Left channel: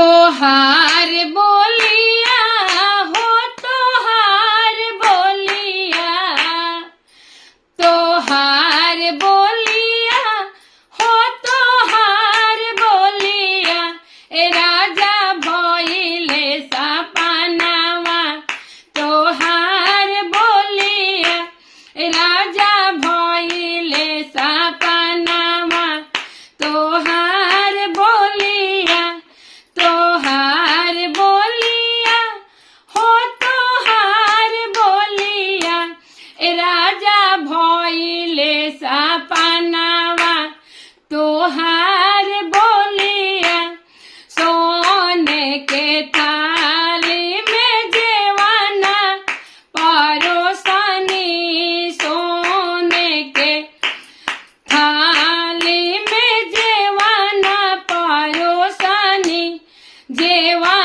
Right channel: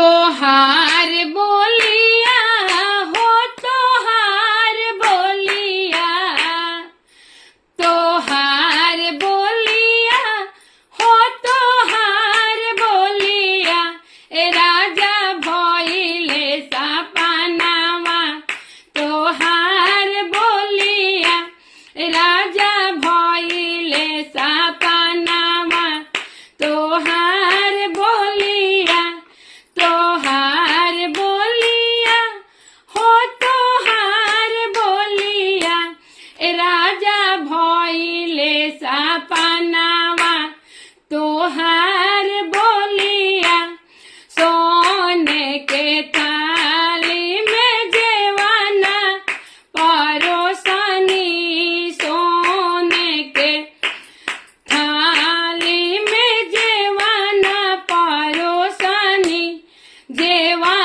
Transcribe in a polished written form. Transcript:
तोहार बोलिया हो तोहार बोलिया, तोहार बोलिया हो तोहार बोलिया, ए राजा भइले सपनावा तोहार बोलिया, ए राजा भइले सपनावा तोहार बोलिया, तोहार बोलिया हो तोहार बोलिया, ए राजा भइले सपनावा तोहार बोलिया। सोने के थाली में जेवाना परोसनी, सोने के थाली में जेवाना परोसनी, जेवा